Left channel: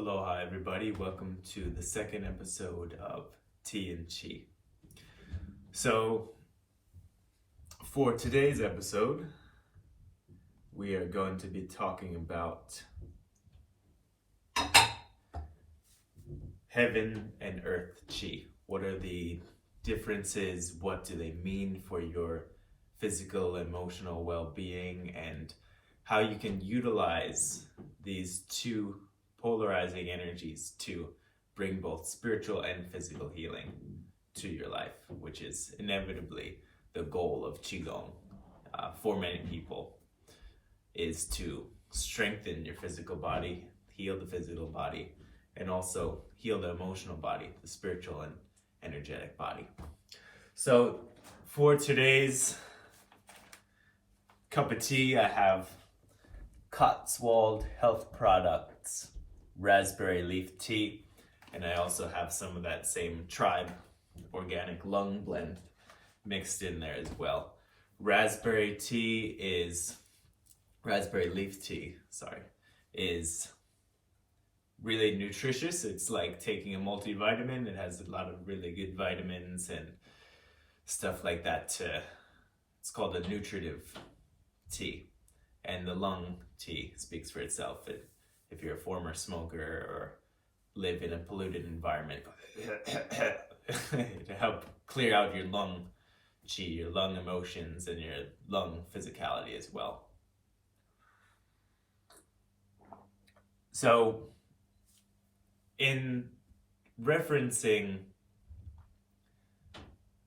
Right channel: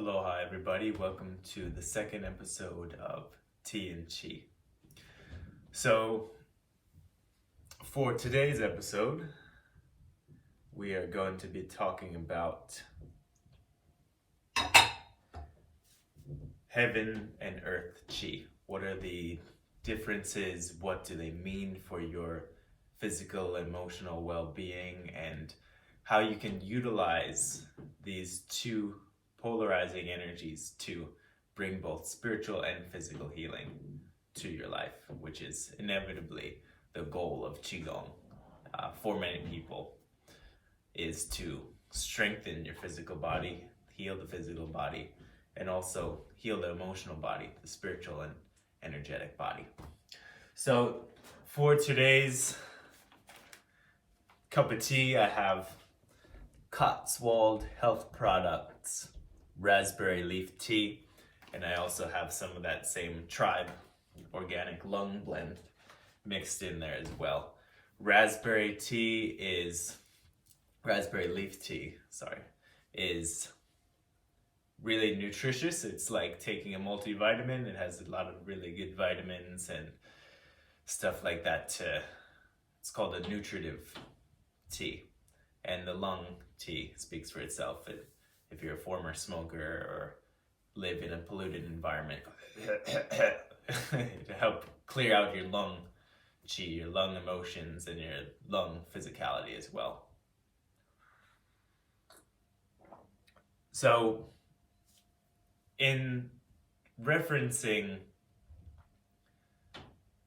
Aloha everybody, welcome to the second episode of Tea and Chi. So, for today's episode, we are going to be talking about heaven and earth Chi. What are the differences? What do they mean for your physical, emotional well-being, and how you can utilize these two polarizing energies to bring both spiritual and physical healing to your life, which is inevitably the goal of Qigong for many people, is to strengthen your physical body, heal the physical body, and also heal the emotional body, the spiritual and energetic body. So for today's cup of tea, I have Cotswold Health Products raspberry leaf tea, and I also have some of that same Tribe organic lung blend mixed in there as well. Raspberry leaf tea is really nutritious. It's like taking a multivitamin. It has a lot of really good vitamins and stuff like that. It's called a nutritive tea, and the lung tea speaks for itself. If you're a former smoker or live in a polluted environment, to help clear out your lung chi, your lung emotions, and your lung physicality as well. So, in referencing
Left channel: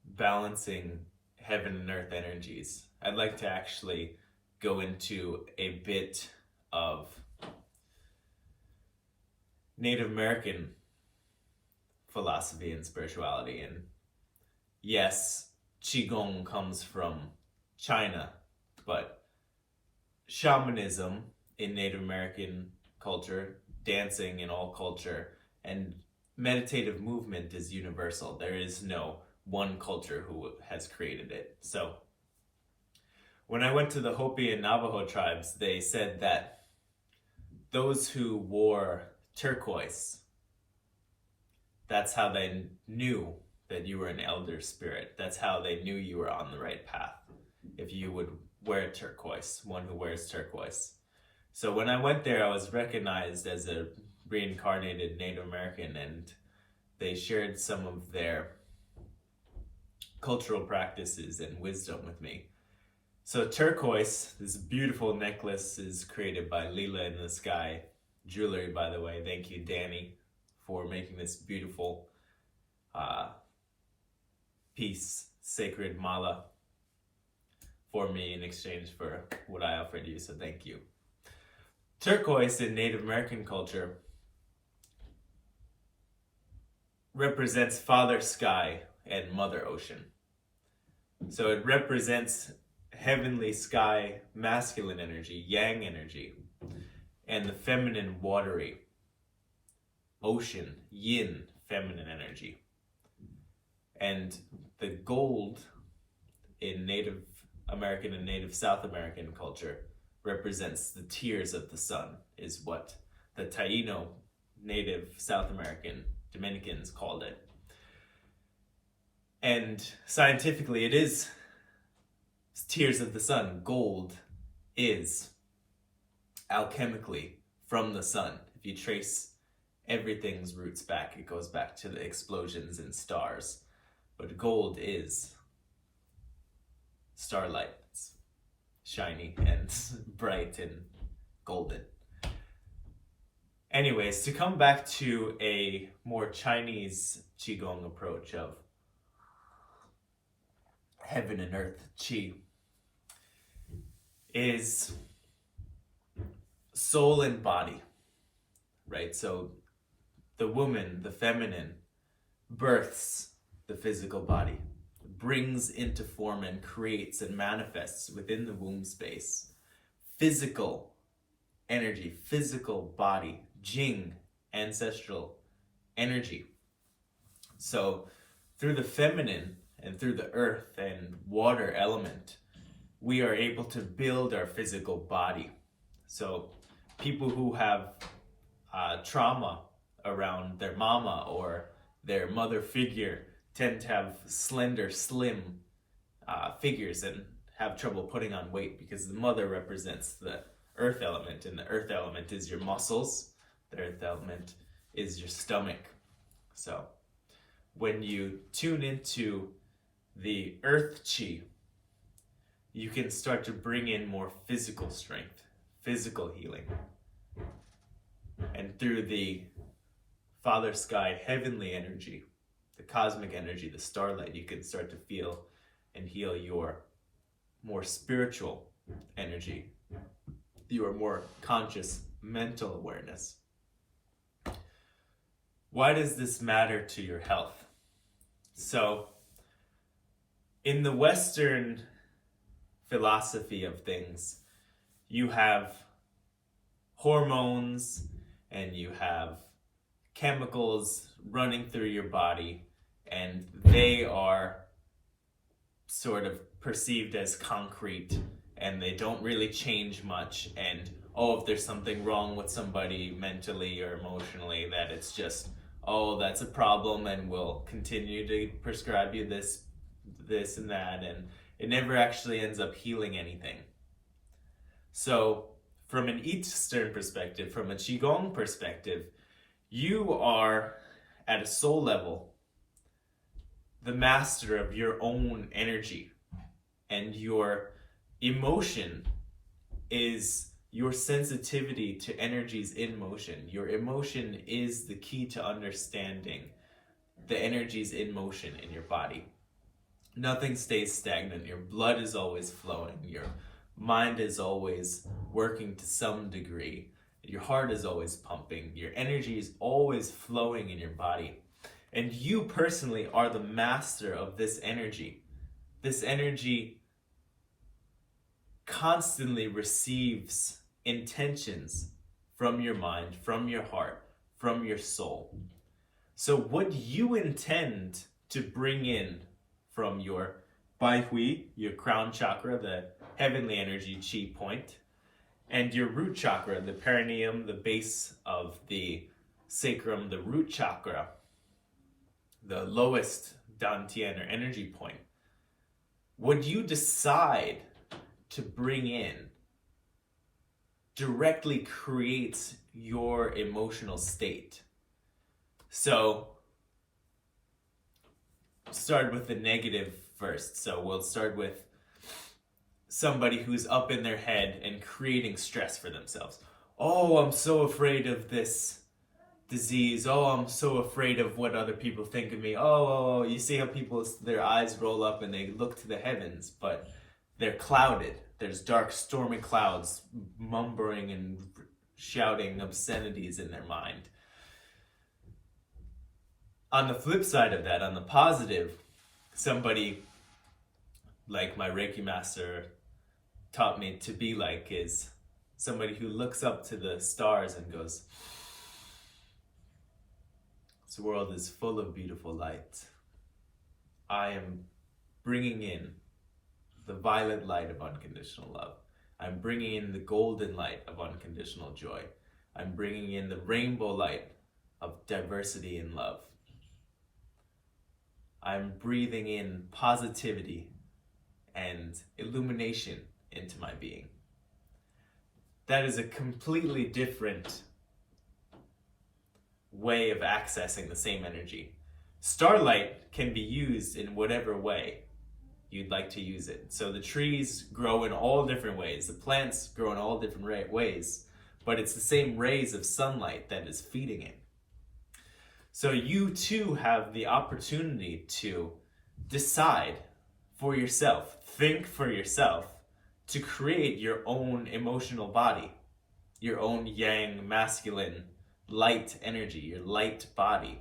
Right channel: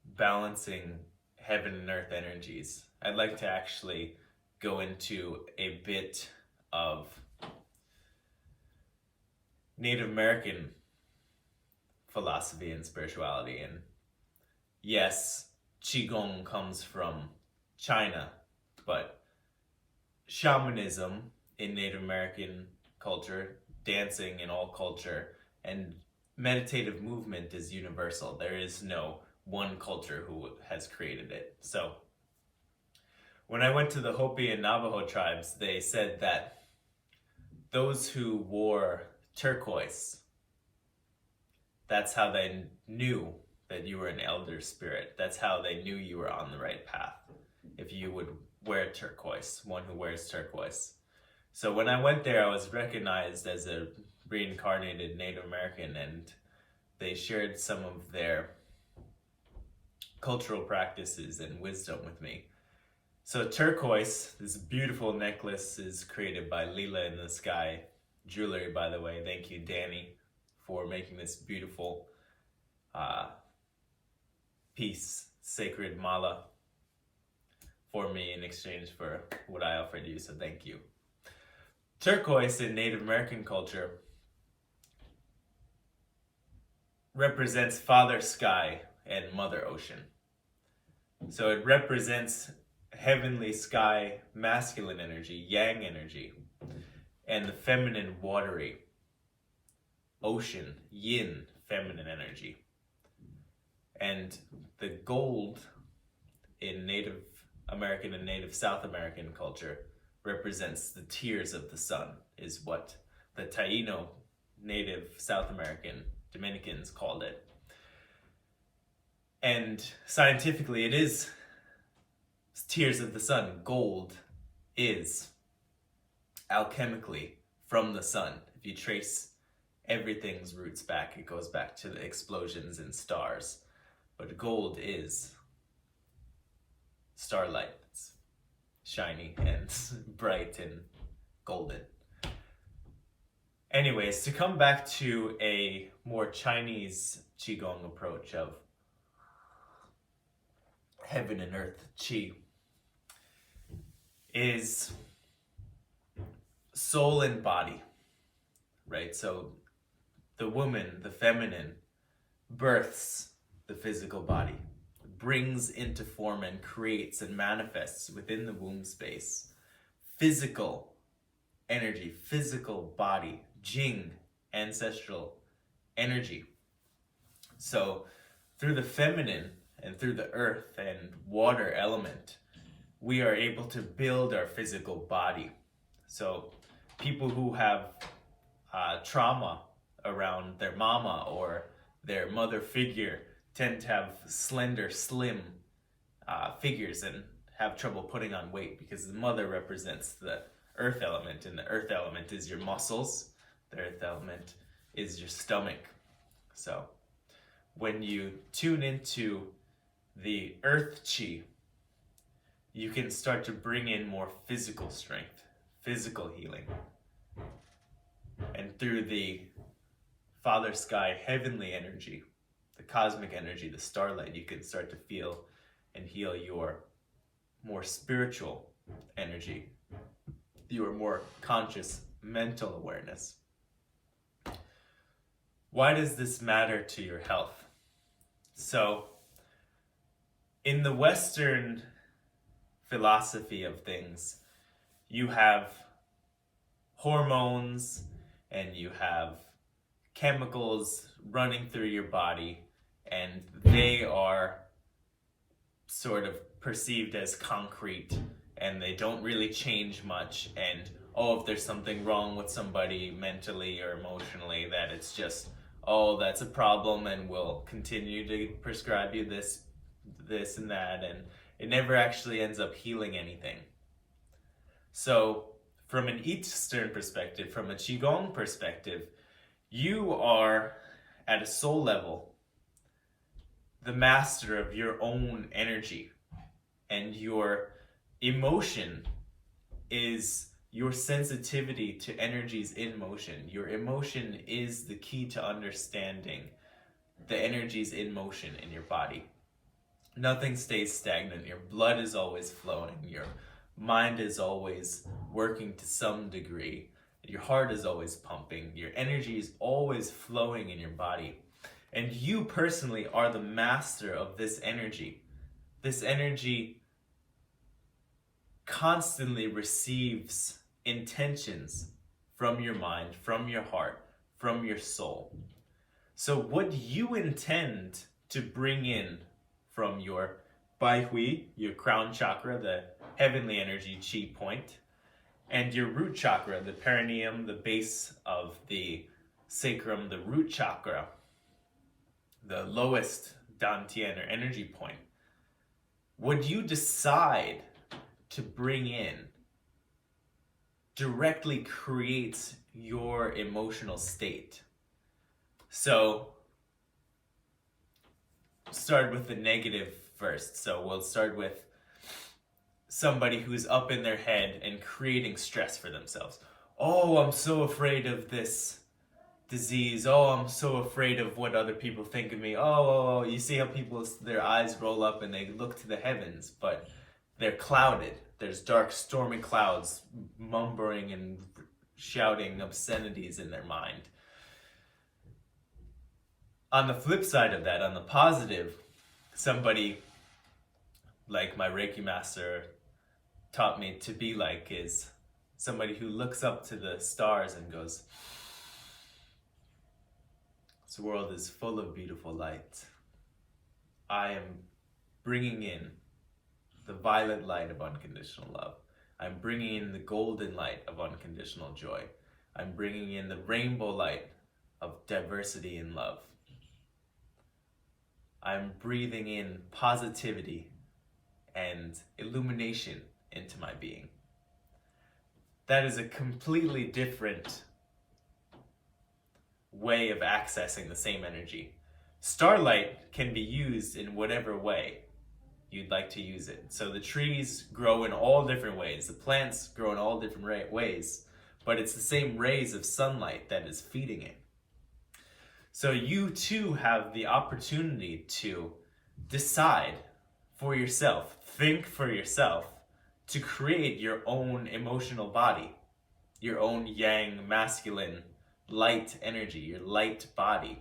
balancing heaven and earth energies, I'd like to actually go into a bit of Native American philosophy and spirituality. And yes, Qigong comes from China, but shamanism in Native American culture, dancing in all culture, and meditative movement is universal. There is no one culture who has created it. So when I went to the Hopi and Navajo tribes, they said that those who wore turquoise, that's how they knew that you were an elder spirit. That's how they knew you were on the right path, if you would wear turquoise, one who wears turquoise. So when I went there, I was recognized as a reincarnated Native American, and they shared some of their cultural practices and wisdom with me. So turquoise, this beautiful necklace, is created by Lila in the Sky Jewelry, by the way. Thank you, Danny, for making this beautiful piece, sacred mala, for me in exchange for what I offered you, so thank you. Turquoise in Native American culture represents Father Sky and Mother Ocean. So it represents heavenly sky, masculine energy, yang energy, and the feminine, watery ocean, yin, feminine energy. And the gold in Native American and Native South American culture represents the tears of the sun, is what the Taino, Native South American Dominicans called it. And scientifically, it is tears of the sun. Gold is alchemically from the sun. If you trace everything's roots back, it goes back to the explosions and stars. But gold is starlight. It's shiny and bright and golden. Anyways, to come back to a more Chinese Qigong approach of heaven and earth Qi, is soul and body, right? So the woman, the feminine, births the physical body, brings into form and creates and manifests within the womb space physical energy, physical body, Jing, ancestral energy. So through the feminine and through the earth and water element, we are able to build our physical body. So people who have trauma around their mama or their mother figure tend to have slender, slim figures and have trouble putting on weight because the mother represents the earth element, and the earth element is your muscles. The earth element is your stomach. So when you tune into the earth chi, you can start to bring in more physical strength, physical healing. And through the Father Sky heavenly energy, the cosmic energy, the starlight, you can start to feel and heal your more spiritual energy, your more conscious mental awareness. Why does this matter to your health? So, in the Western philosophy of things, you have hormones and you have chemicals running through your body, and they are sort of perceived as concrete, and they don't really change much. And if there's something wrong with somebody mentally or emotionally, that it's just, that's a problem, and we'll continue to prescribe you this and that, and it never actually ends up healing anything. So from an Eastern perspective, from a Qigong perspective, you are at a soul level the master of your own energy, and your emotion is your sensitivity to energies in motion. Your emotion is the key to understanding the energies in motion in your body. Nothing stays stagnant. Your blood is always flowing. Your mind is always working to some degree. Your heart is always pumping. Your energy is always flowing in your body. And you personally are the master of this energy. This energy constantly receives intentions from your mind, from your heart, from your soul. So what you intend to bring in from your Bai Hui, your crown chakra, the heavenly energy chi point, and your root chakra, the perineum, the base of the sacrum, the root chakra, the lowest dantian or energy point, what you decide to bring in directly creates your emotional state. So start with the negative first. So we'll start with somebody who's up in their head and creating stress for themselves. I'm so afraid of this disease. I'm so afraid of what other people think of me. You see how people, their eyes roll up and they look to the heavens, but they're clouded. There's dark, stormy clouds mumbling and shouting obscenities in their mind. On the flip side of that, on the positive, somebody like my Reiki master taught me to be like is somebody who looks up to the stars and goes, this world is full of beautiful light. I am bringing in the violet light of unconditional love. I'm bringing in the golden light of unconditional joy. I'm bringing in the rainbow light of diversity and love. I'm breathing in positivity and illumination into my being. That is a completely different way of accessing the same energy. Starlight can be used in whatever way you'd like to use it. So the trees grow in all different ways. The plants grow in all different ways, but it's the same rays of sunlight that is feeding it. So you too have the opportunity to decide for yourself, think for yourself, to create your own emotional body, your own yang, masculine, light energy, your light body,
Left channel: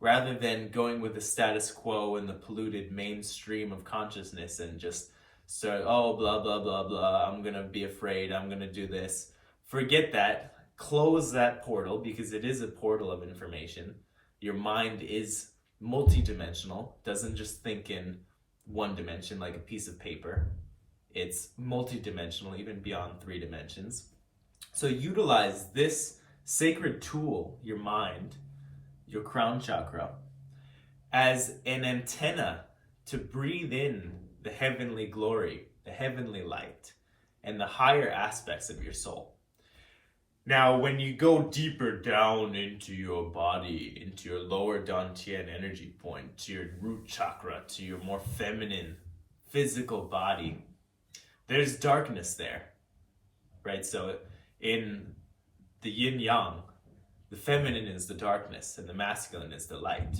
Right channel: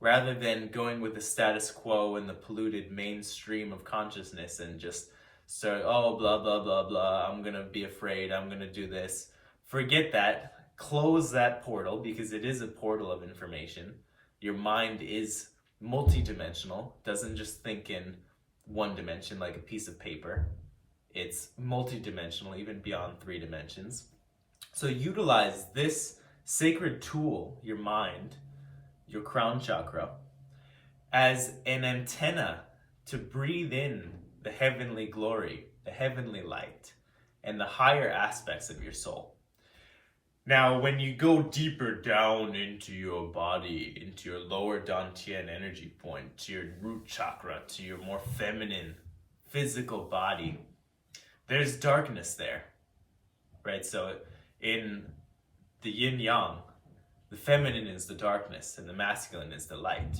rather than going with the status quo and the polluted mainstream of consciousness and just start, blah, blah, blah, blah, I'm gonna be afraid, I'm gonna do this. Forget that. Close that portal, because it is a portal of information. Your mind is multidimensional, doesn't just think in one dimension like a piece of paper. It's multidimensional, even beyond 3 dimensions. So utilize this sacred tool, your mind, your crown chakra, as an antenna to breathe in the heavenly glory, the heavenly light, and the higher aspects of your soul. Now, when you go deeper down into your body, into your lower dantian energy point, to your root chakra, to your more feminine physical body, there's darkness there, right? So in the yin yang, the feminine is the darkness and the masculine is the light.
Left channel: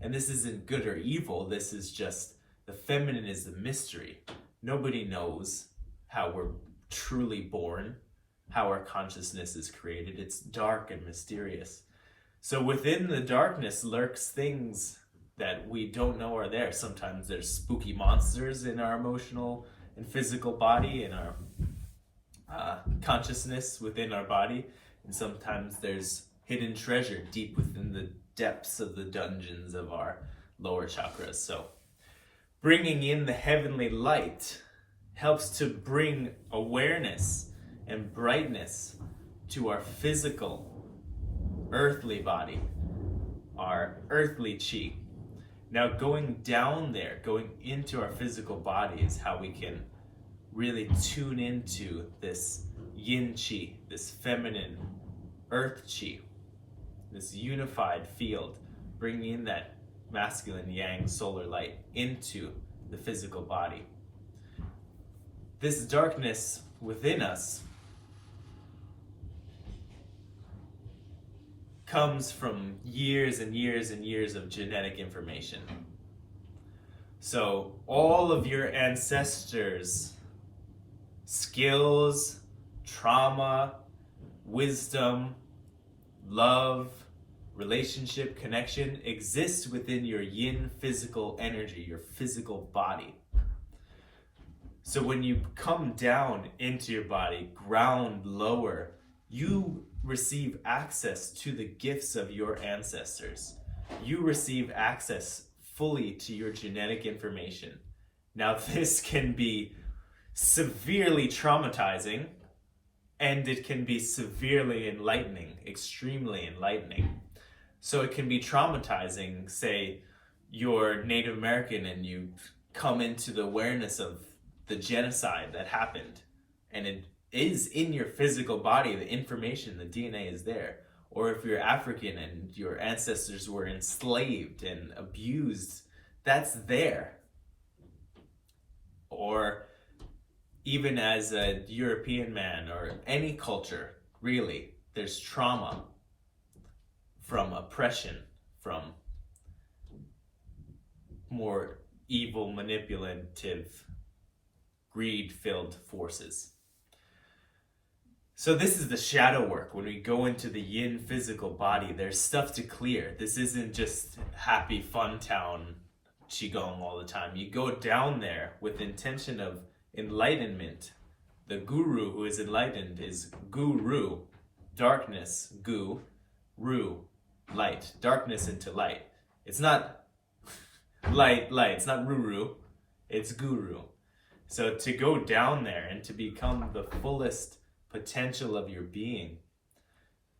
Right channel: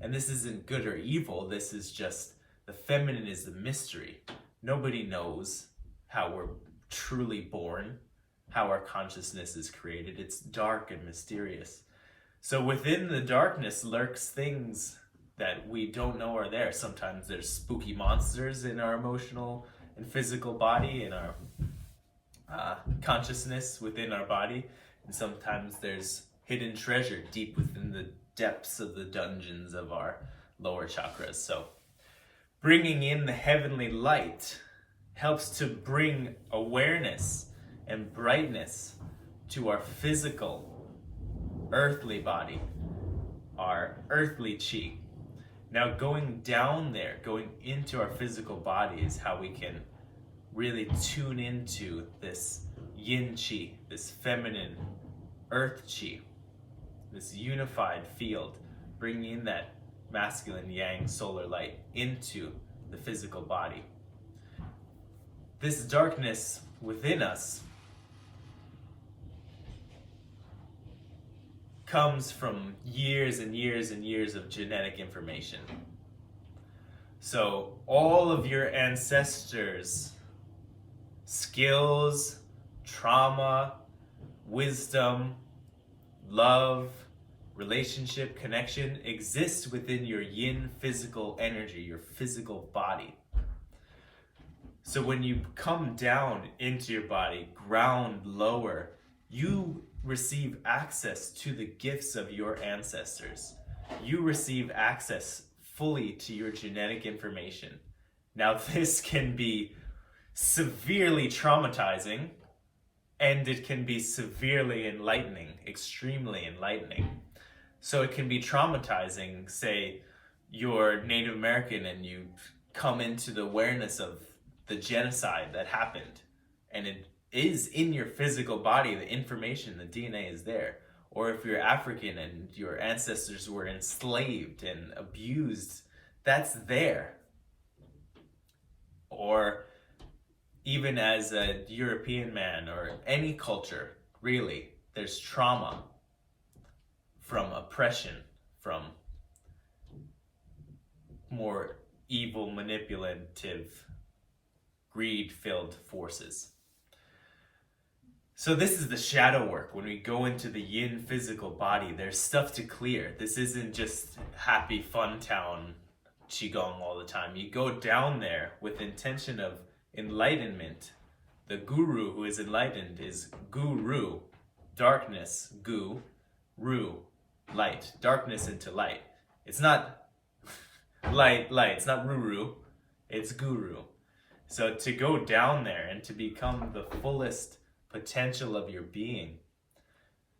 And this isn't good or evil, this is just the feminine is the mystery. Nobody knows how we're truly born, how our consciousness is created. It's dark and mysterious. So within the darkness lurks things that we don't know are there. Sometimes there's spooky monsters in our emotional and physical body, in our consciousness within our body. And sometimes there's hidden treasure deep within the depths of the dungeons of our lower chakras. So bringing in the heavenly light helps to bring awareness and brightness to our physical, earthly body, our earthly chi. Now going down there, going into our physical body is how we can really tune into this yin chi, this feminine earth chi, this unified field, bringing in that masculine yang solar light into the physical body. This darkness within us comes from years and years and years of genetic information. So all of your ancestors' skills, trauma, wisdom, love, relationship, connection exists within your yin physical energy, your physical body. So when you come down into your body, ground lower, you receive access to the gifts of your ancestors. You receive access fully to your genetic information. Now this can be severely traumatizing, and it can be severely enlightening, extremely enlightening. So it can be traumatizing, say you're Native American and you come into the awareness of the genocide that happened, and it is in your physical body, the information, the DNA is there. Or if you're African and your ancestors were enslaved and abused, that's there. Or even as a European man or any culture, really, there's trauma from oppression, from more evil, manipulative, greed-filled forces. So this is the shadow work. When we go into the yin physical body, there's stuff to clear. This isn't just happy fun town qigong all the time. You go down there with intention of enlightenment. The guru who is enlightened is guru, darkness, gu, ru, light, darkness into light. It's not light, it's not ruru, it's guru. So to go down there and to become the fullest potential of your being,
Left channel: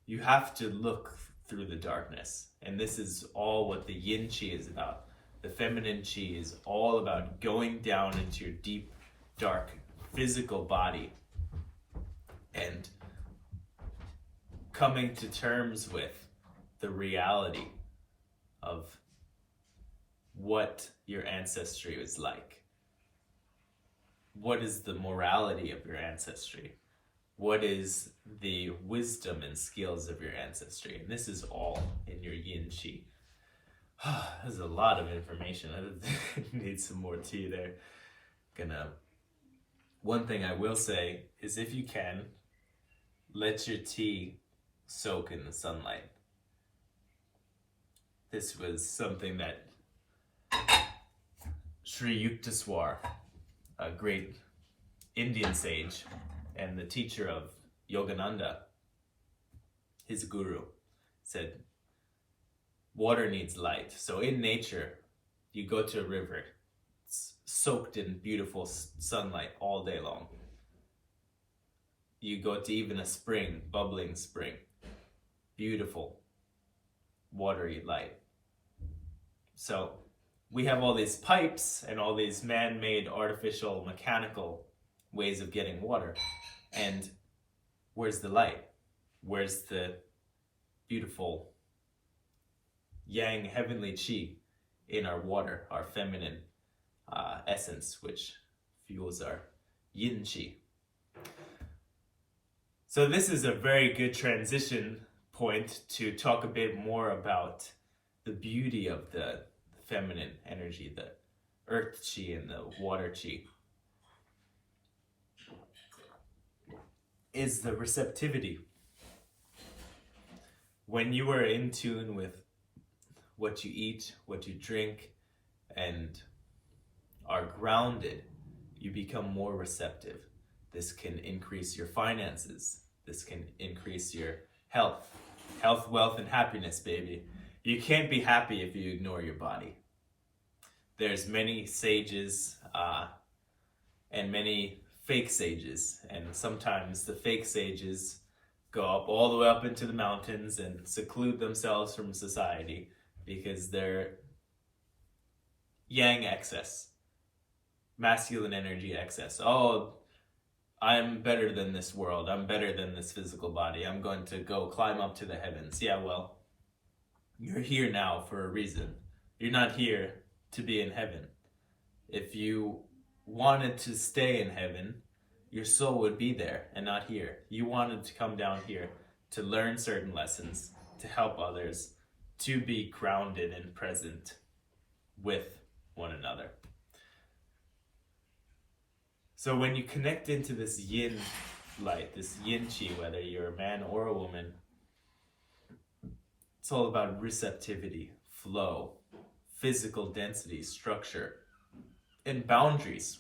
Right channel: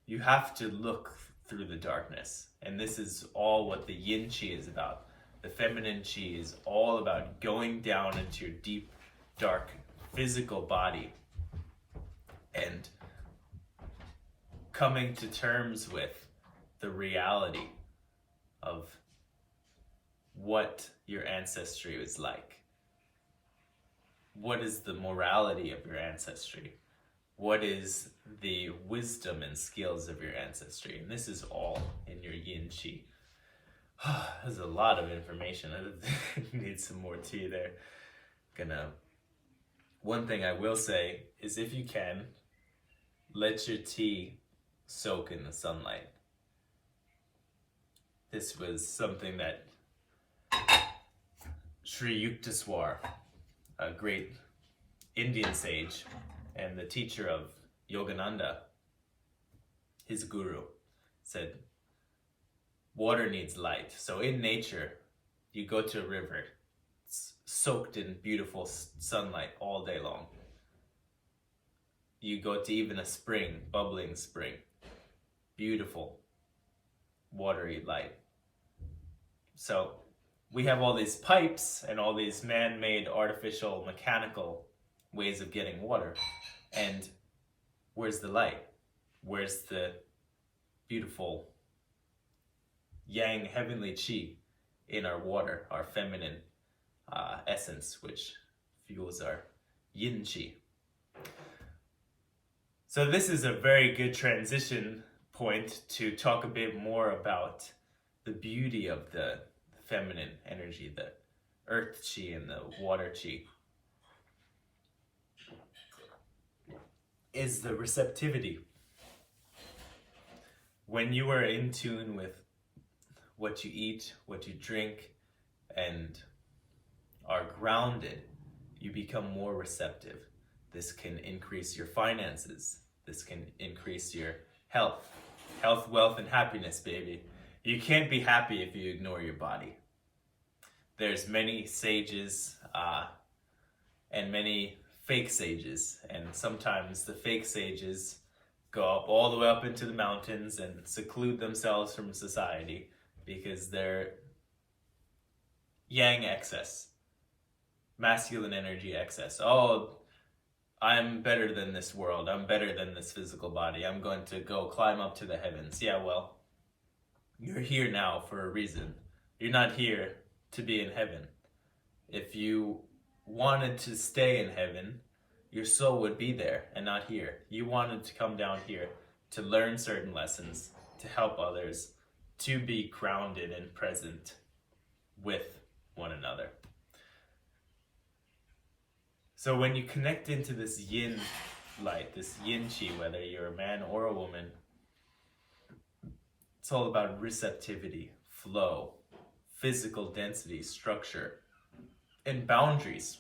you have to look through the darkness. And this is all what the yin chi is about. The feminine chi is all about going down into your deep, dark, physical body and coming to terms with the reality of what your ancestry is like. What is the morality of your ancestry? What is the wisdom and skills of your ancestry? And this is all in your yin chi. There's a lot of information. I need some more tea there. One thing I will say is, if you can, let your tea soak in the sunlight. This was something that Sri Yukteswar, a great Indian sage and the teacher of Yogananda, his guru, said water needs light. So in nature, you go to a river, it's soaked in beautiful sunlight all day long. You go to even a spring, bubbling spring, beautiful, watery light. So we have all these pipes and all these man-made, artificial, mechanical ways of getting water. And where's the light? Where's the beautiful yang, heavenly chi in our water, our feminine essence, which fuels our yin chi? So this is a very good transition point to talk a bit more about the beauty of the feminine energy, the earth chi and the water chi. Is the receptivity. When you are in tune with what you eat, what you drink, and are grounded, you become more receptive. This can increase your finances. This can increase your health. Health, wealth, and happiness, baby. You can't be happy if you ignore your body. There's many sages and many fake sages, and sometimes the fake sages go up all the way up into the mountains and seclude themselves from society because they're yang excess, masculine energy excess. Oh, I'm better than this world. I'm better than this physical body. I'm going to go climb up to the heavens. Yeah, well, you're here now for a reason. You're not here to be in heaven. If you wanted to stay in heaven, your soul would be there and not here. You wanted to come down here to learn certain lessons, to help others, to be grounded and present with one another. So when you connect into this yin light, this yin chi, whether you're a man or a woman, it's all about receptivity, flow, physical density, structure, and boundaries.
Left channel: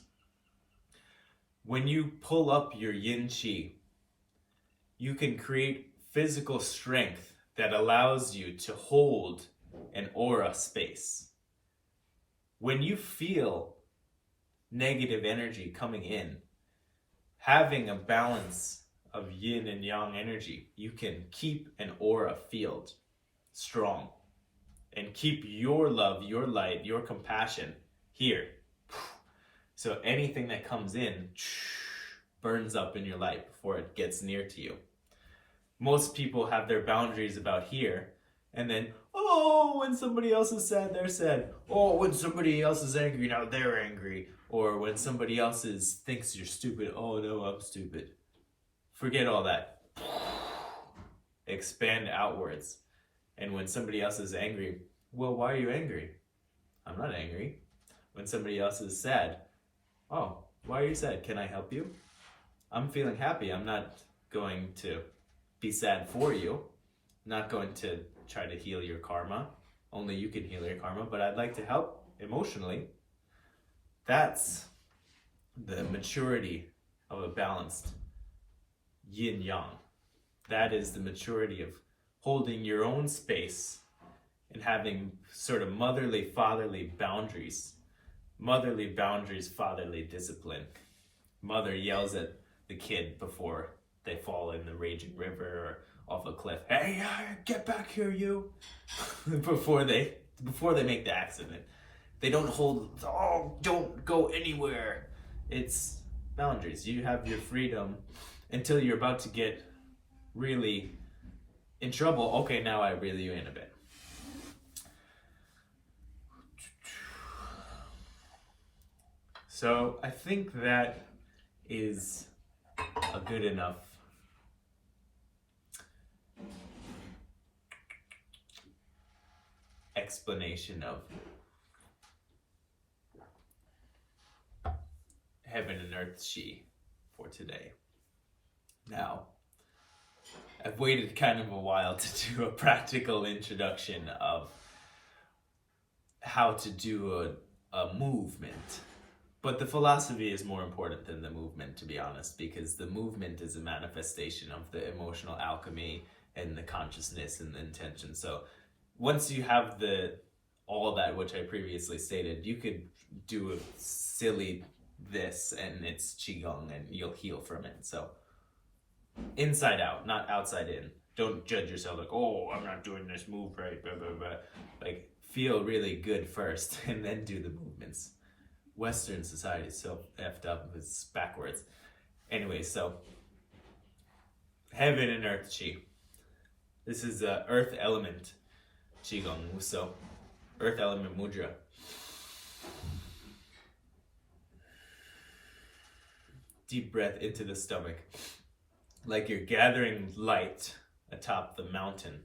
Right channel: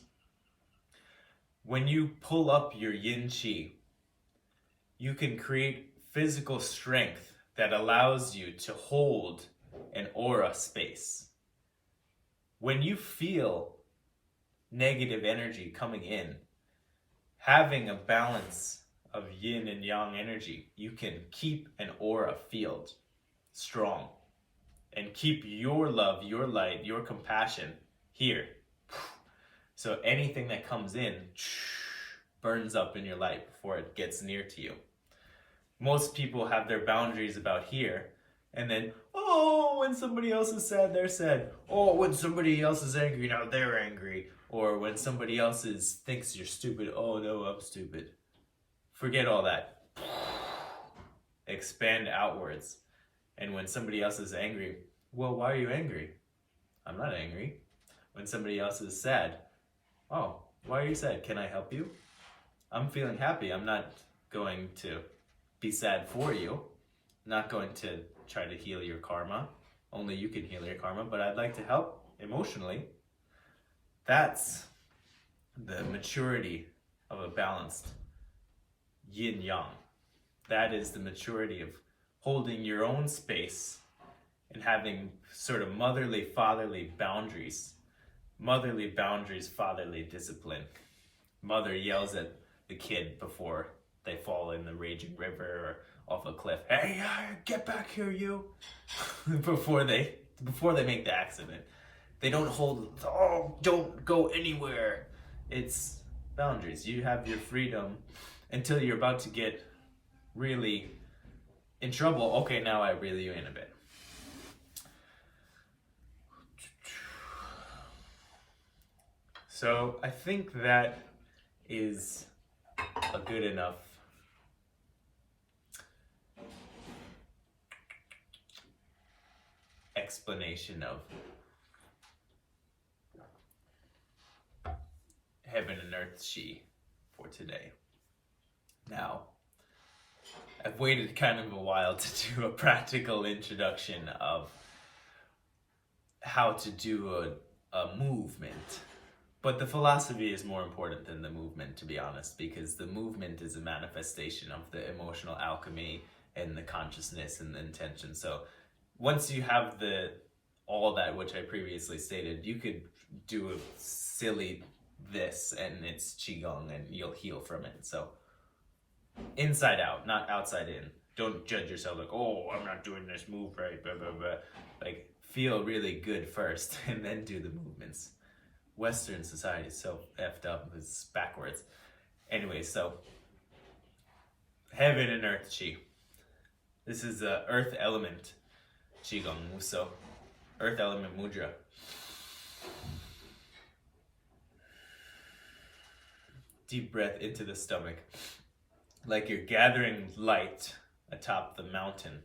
When you pull up your yin chi, you can create physical strength that allows you to hold an aura space. When you feel negative energy coming in, having a balance of yin and yang energy, you can keep an aura field strong and keep your love, your light, your compassion here. So anything that comes in burns up in your light before it gets near to you. Most people have their boundaries about here, and then, oh, when somebody else is sad, they're sad. Oh, when somebody else is angry, now they're angry. Or when somebody else thinks you're stupid, oh no, I'm stupid. Forget all that. Expand outwards. And when somebody else is angry, well, why are you angry? I'm not angry. When somebody else is sad, oh, why are you sad? Can I help you? I'm feeling happy. I'm not going to be sad for you. I'm not going to try to heal your karma. Only you can heal your karma, but I'd like to help emotionally. That's the maturity of a balanced yin-yang. That is the maturity of holding your own space and having sort of motherly, fatherly boundaries. Motherly boundaries, fatherly discipline. Mother yells at the kid before they fall in the raging river or off a cliff. Hey, get back here, you! before they make the accident. They don't hold, oh, don't go anywhere. It's boundaries. You have your freedom until you're about to get really in trouble. Okay, now I reel you in a bit. So I think that is a good enough explanation of heaven and earth chi for today. Now, I've waited kind of a while to do a practical introduction of how to do a movement. But the philosophy is more important than the movement, to be honest, because the movement is a manifestation of the emotional alchemy and the consciousness and the intention. So once you have all that which I previously stated, you could do a silly this and it's qigong and you'll heal from it. So inside out, not outside in. Don't judge yourself like, oh, I'm not doing this move right, blah, blah, blah. Like, feel really good first and then do the movements. Western society is so effed up, it's backwards. Anyway, so heaven and earth chi. This is the earth element qigong, so earth element mudra. Deep breath into the stomach, like you're gathering light atop the mountain.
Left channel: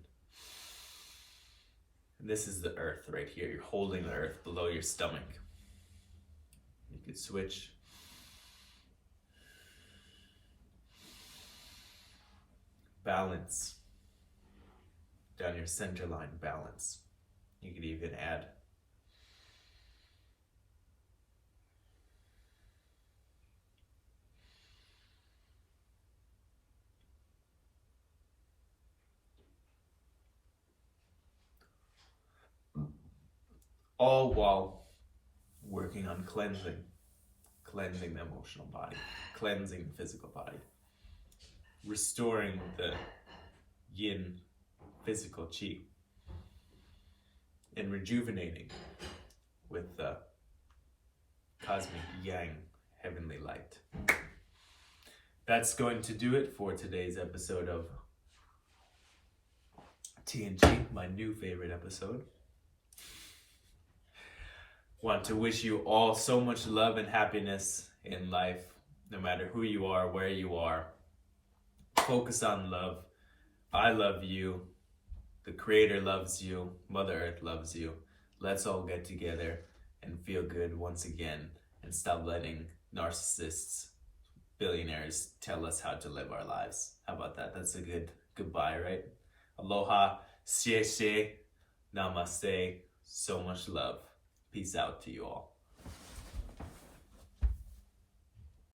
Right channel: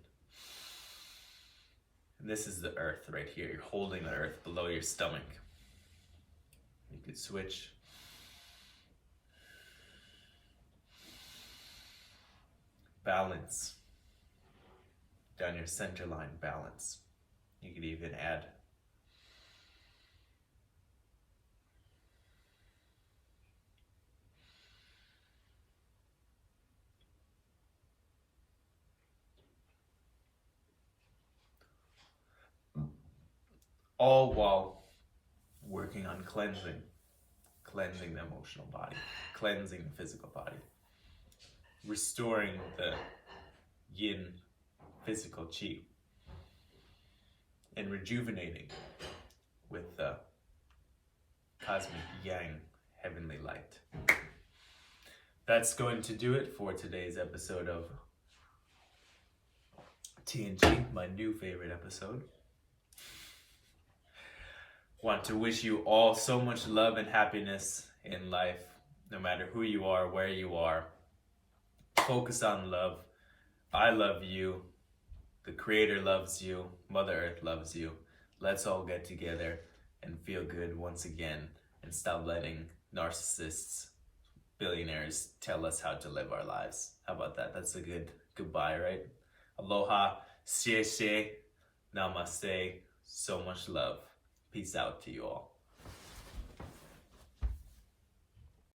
And this is the earth right here. You're holding the earth below your stomach. You could switch. Balance. Down your center line, balance. You could even add. All while working on cleansing the emotional body, cleansing the physical body, restoring the yin physical chi, and rejuvenating with the cosmic yang heavenly light. That's going to do it for today's episode of TNG, my new favorite episode. Want to wish you all so much love and happiness in life, no matter who you are, where you are. Focus on love. I love you. The Creator loves you. Mother Earth loves you. Let's all get together and feel good once again and stop letting narcissists, billionaires tell us how to live our lives. How about that? That's a good goodbye, right? Aloha, xie xie, namaste, so much love. Peace out to you all.